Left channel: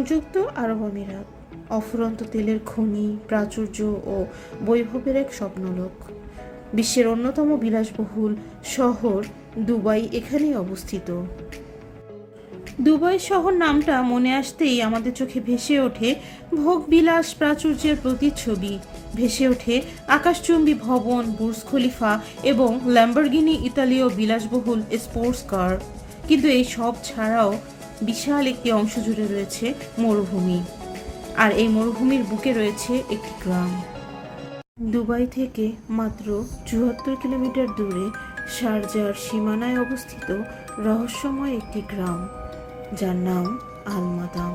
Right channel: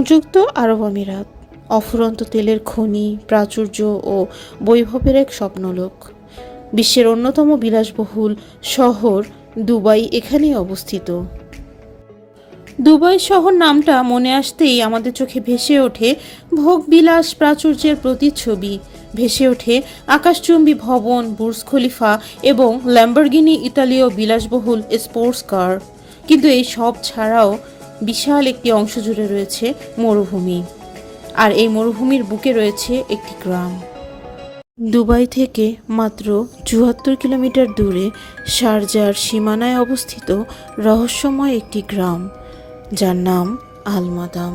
সংযুক্ত আরব আমিরাত, অফুরন্ত তেলের খনি, প্রাচুর্য ও বৈভবের এক স্বপ্নলোক। বিশ্বের অন্যতম বিলাসবহুল শহর দুবাই এখানেই অবস্থিত। দুবাই শহর নামটা মনে আসতেই আমাদের চোখে ভেসে ওঠে ভোগবিলাস প্রাচুর্যের প্রতিচ্ছবি। ভেসে ওঠে আকাশচুম্বী ভবন, বুর্জ খলিফা এবং ল্যাম্বরগিনি ইতালীয় বিলাসবহুল স্পোর্টস কার। কিন্তু এই সব ছাড়াও বিশাল একটি অংশ জুড়ে রয়েছে মরুভূমি। আর এই মরুভূমির বুকে রয়েছে একটি গ্রাম। দুবাই থেকে মাত্র চুয়াত্তর কিলোমিটার দূরে শারজার সীমানায় অবস্থিত রহস্যময় একটি গ্রাম, যার নাম আলমাদাম।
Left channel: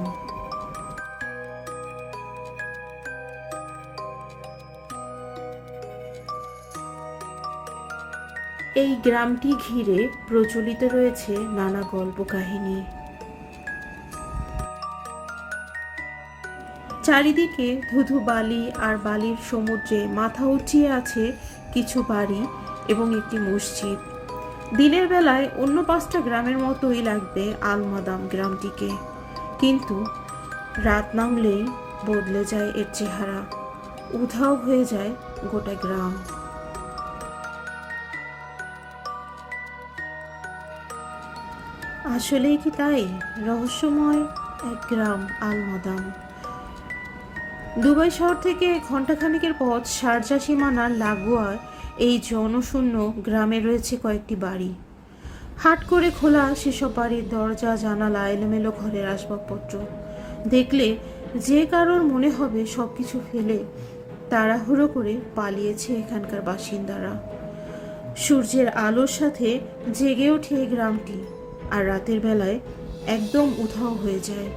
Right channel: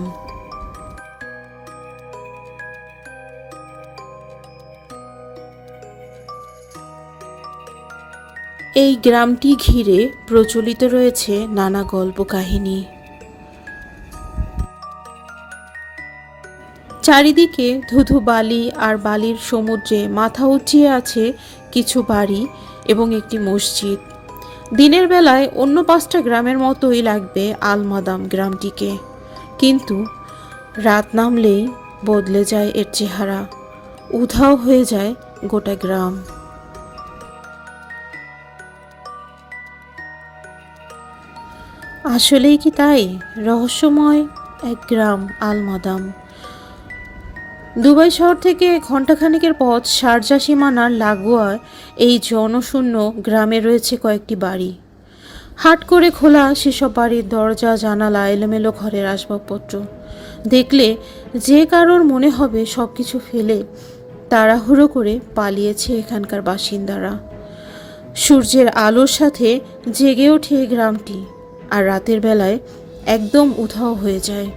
এই গ্রামটি ঘিরে প্রচলিত রয়েছে নানা গল্প কাহিনী চারিদিকে ধুধু বালি আর বালির সমুদ্রে মাথা উঠিয়ে আছে কিছু বাড়ি এবং একটি মসজিদ। দিনের বেলায় অন্য পাঁচটা গ্রামের মতোই লাগবে আলমাদাম গ্রামটিকে। কিন্তু রাত নামলেই বদলে যায় এর চেহারা। উধাও হয়ে যায় গোটা গ্রাম। আসলেই কি তাই? রহস্যময় এক গ্রাম আলমাদাম। দুবাই শহর থেকে ঘণ্টাখানেকের পথ শারজা সীমানার লাগোয়া এই জনশূন্য গ্রামে রয়েছে কয়েকটি বাড়ি। হাট করে খোলা সেসব বাড়ির দরজা, জানালা, এলোমেলো ঘরের আসবাবপত্র। দেখলে যে কারোর মনে হবে সব কিছু ফেলে তাড়াহুড়ো করে পালিয়েছে এখানকার বাসিন্দারা। সূর্যের আলোর সাথে জেগে ওঠে গ্রামটি, আর রাতের বেলায় একদম উধাও হয়ে যায়।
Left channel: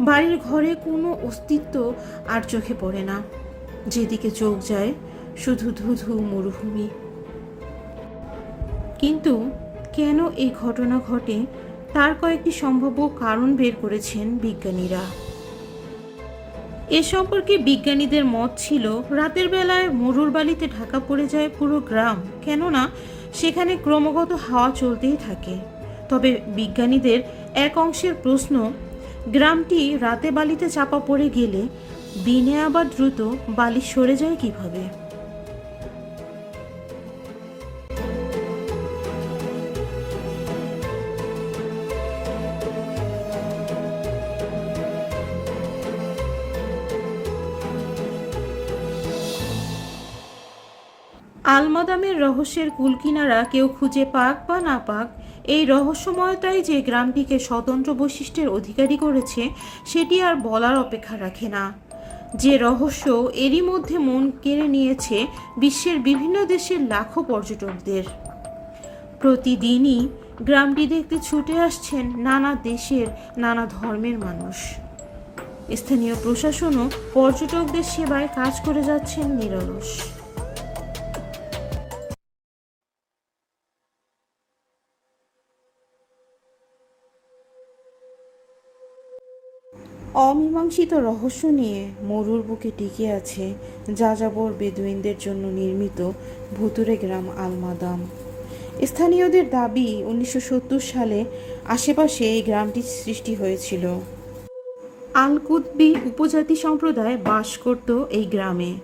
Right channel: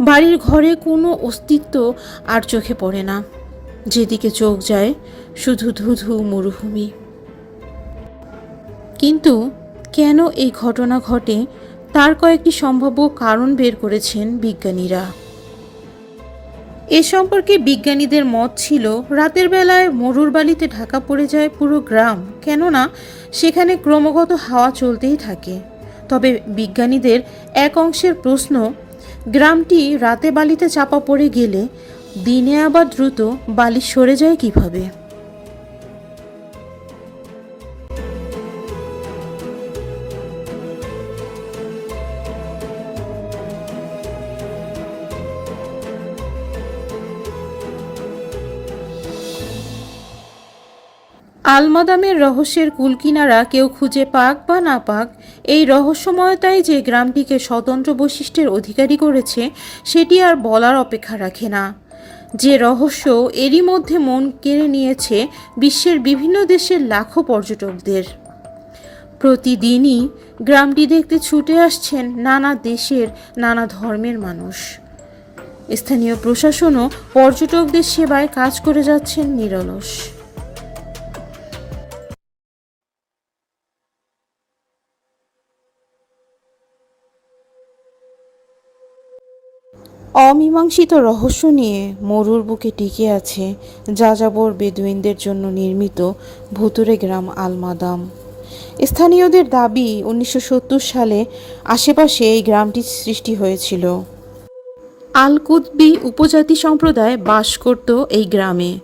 বাড়ির ঘরে কোনো অস্তিত্ব আর চোখে পড়ে না। যেদিকে চোখ যায়, শুধু ধুধু মরুভূমি। কিন্তু কেন এই ঘটনা ঘটে, তার কয়েকটি সম্ভাব্য কারণ বের করেছেন বিজ্ঞানীরা। এ সম্পর্কে বিজ্ঞানীদের মত ছিল, রাতের বেলায় মরুর বালিতে ঢাকা পড়ে যায় পুরো গ্রাম, কেননা সেখানে ক্রমাগত হাওয়া চলতেই থাকে। তবে বিজ্ঞানীদের এক অংশের প্রশ্ন গ্রামটি রাতে বালিতে চাপা পড়ে গেলে দিনে আবার দ্রুত বালি সরে যায় কীভাবে? আলমাদামের রহস্যের কুলকিনারা কেউ খুঁজে পাক বা না পাক এই রহস্যময়তাই যে গ্রামটিকে স্বতন্ত্র বৈশিষ্ট্যের অধিকারী করেছে, সেটি আর বলার অপেক্ষা রাখে না। যে রহস্য এরই মধ্যে মন কেড়ে নিয়েছে বিশ্বের বিভিন্ন দেশের লাখো পর্যটকদের। প্রতিদিনই গ্রামটি দেখতে ছুটে আসছেন নানা দেশের, নানা ধর্মের মানুষ। স্থানীয় প্রশাসনও পর্যটকদের সেবায় কাজ করে যাচ্ছেন নিরলস। অমীমাংসিত রহস্য নিয়ে মরুর বুকে টিকে আছে যাযাবর বেদুইনদের জন্য নির্মিত ভুতুরে গ্রাম আলমাদাম। স্থানীয়দের দাবি, উনিশশো সত্তর সালে আশেপাশে এই গ্রামটি সৃষ্টি হয়েছিল। আল কুতবি উপজাতি সম্প্রদায় বাস করত এই গ্রামে।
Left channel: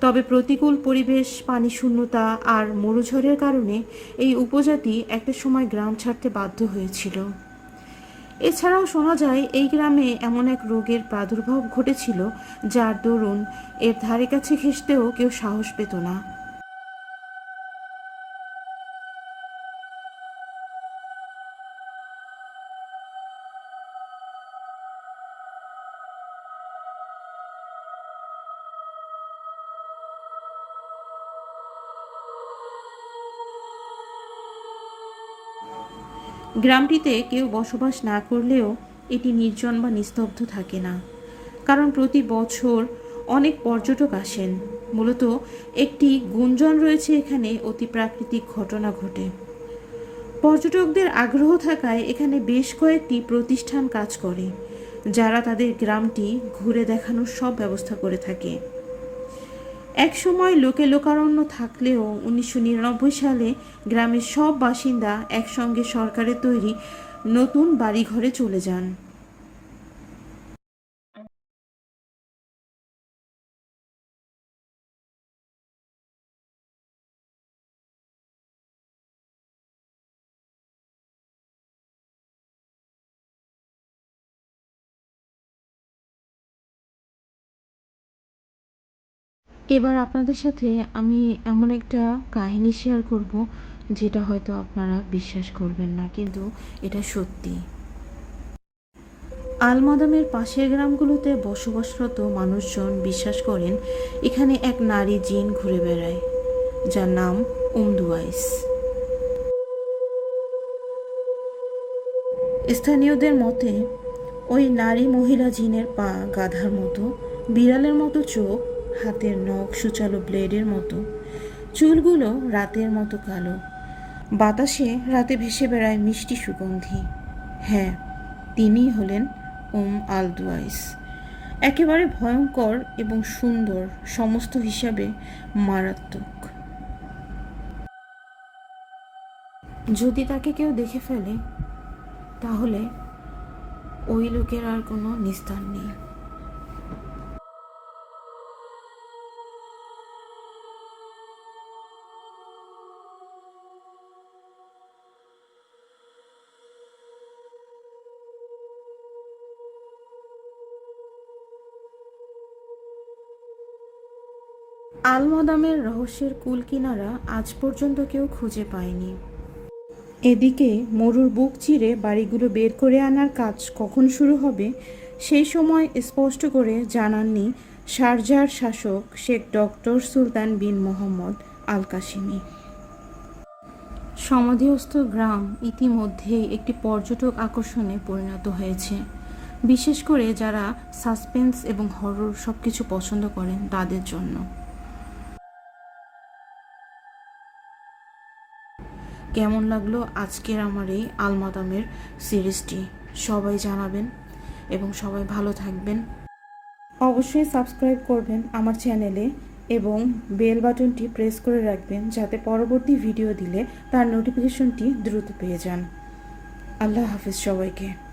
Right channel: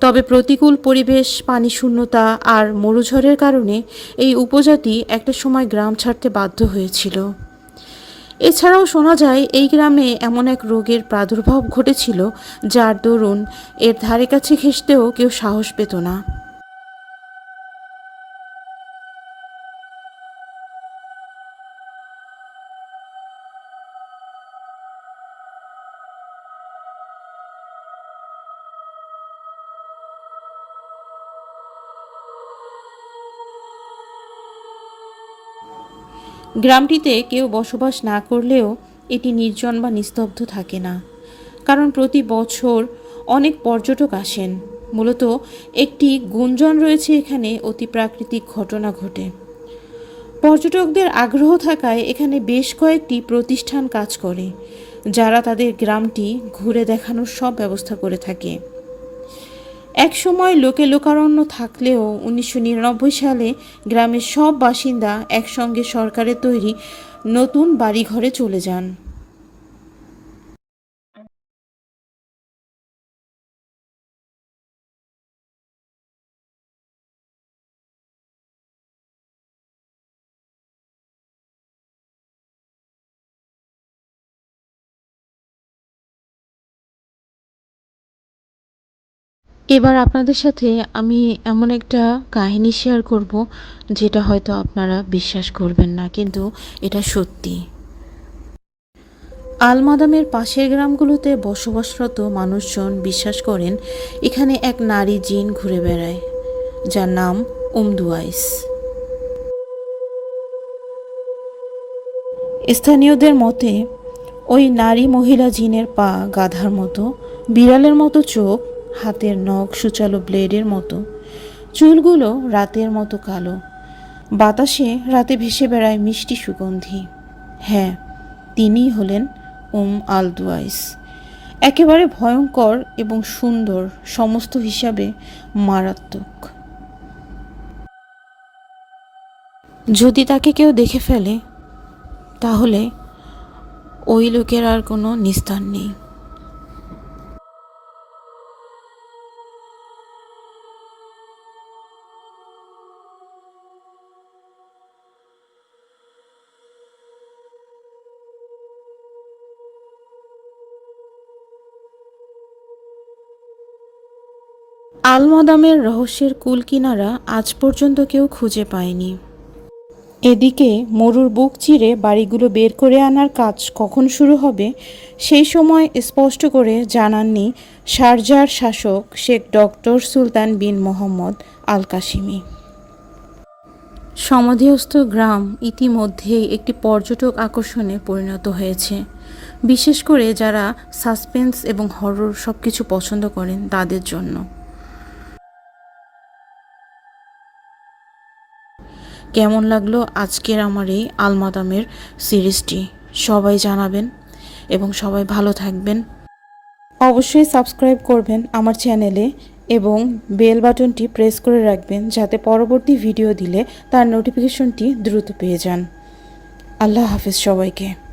তবে প্রতিকূল পরিবেশ, পানি শূন্যতা আর মরুঝড়ের কারণে এই উপজাতি একটা সময় গ্রাম ছাড়তে বাধ্য হয়েছিল। এছাড়াও শোনা যায়, এই গ্রামে এমন এক রোগের প্রাদুর্ভাব ঘটেছিল যার দরুন এর ধারে কাছে ঘেঁষতেও কেউ সাহস পেত না। গ্রামটিতে কেউ বসবাস না করলেও এটি নির্জন বা নিস্তব্ধ থাকে না। কারণ প্রতি বছর অনেক পর্যটক আসেন। মূলত একটি গুঞ্জন রয়েছে এখানে অতি প্রাকৃতিক ঘটনা ঘটে। পর্যটকদের আগ্রহ থাকায় এখানে বেশ কয়েকটি প্রতিষ্ঠান কাজ করে, যারা তাদের গ্রামটি ঘুরে দেখানোর সব ব্যবস্থা করে থাকে। এক সময় লোকে লোকারণ্য থাকলেও উনিশশো নিরানব্বই সালে গ্রামের সব বাসিন্দা একসঙ্গে সরকারের তৈরি নতুন বাড়িঘরে চলে যান। এবার আপনাদের সাথে আমি এমন একটা কাহিনী শেয়ার করব, যেটা হয়তো আপনারা বিশ্বাস করবেন না, কিন্তু এটা সত্যি। আলমাদামের পাশের গ্রামগুলোতে বসবাসরত মানুষজন বিশ্বাস করেন, এখানে এক নারী জিন ঘুরে বেড়ায়, যার নাম উমদুয়াইস স্থানীয়দের মতে, ওই নারী মহিলা জিনের পা গাধার মতো, বিড়ালের মতো চোখ হাতের নখ সুচালো ব্লেডের মতো। চুলগুলো রাতের মতো কালো। বাতাসে রাতে ভেসে বেড়ায় মিষ্টি সুগন্ধি। হ্যাঁ তিনিই হলেন উম আলদুয়াইস। একেবারে ভয়ঙ্কর এবং সুন্দর, সমস্ত হিসাবে মারাত্মক। যদি তাকে কেউ দেখে ফেলে, তাহলে ওই লোকের আর কোনো নিস্তার নেই। আলমাদামের রহস্যের কুলকিনারা আজ পর্যন্ত কেউ খুঁজে পায়নি। এদিকে মরুর বুক চিরে বাড়িগুলো বের করে আনার কাজ কখন শুরু হবে, সেই সময় স্পষ্ট করে জানাননি শারজার শাসক Sheikh doctor Sultan bin Muhammad Al Qasimi সমাধিস্থ গ্রাম ইতিমধ্যেই একটি পর্যটক আকর্ষণে পরিণত হয়েছে। বিশেষ করে যারা সাসপেন্স এবং হরর সব কিছু পছন্দ করেন তাদের জন্য। কেমন লাগল আজকের আমার এই আলমাদামের সিরিজটি? সবাই জানাবেন এবং সবাই ভালো থাকবেন। অবশ্যই সাবস্ক্রাইব করবেন আমার চ্যানেলে এবং বেল বাটনটি প্রেস করে রাখবেন যাতে পরবর্তী ভিডিও দিলে তার নোটিফিকেশনটি দ্রুত পেয়ে যান। আল্লাহ হাফিজ সবাইকে।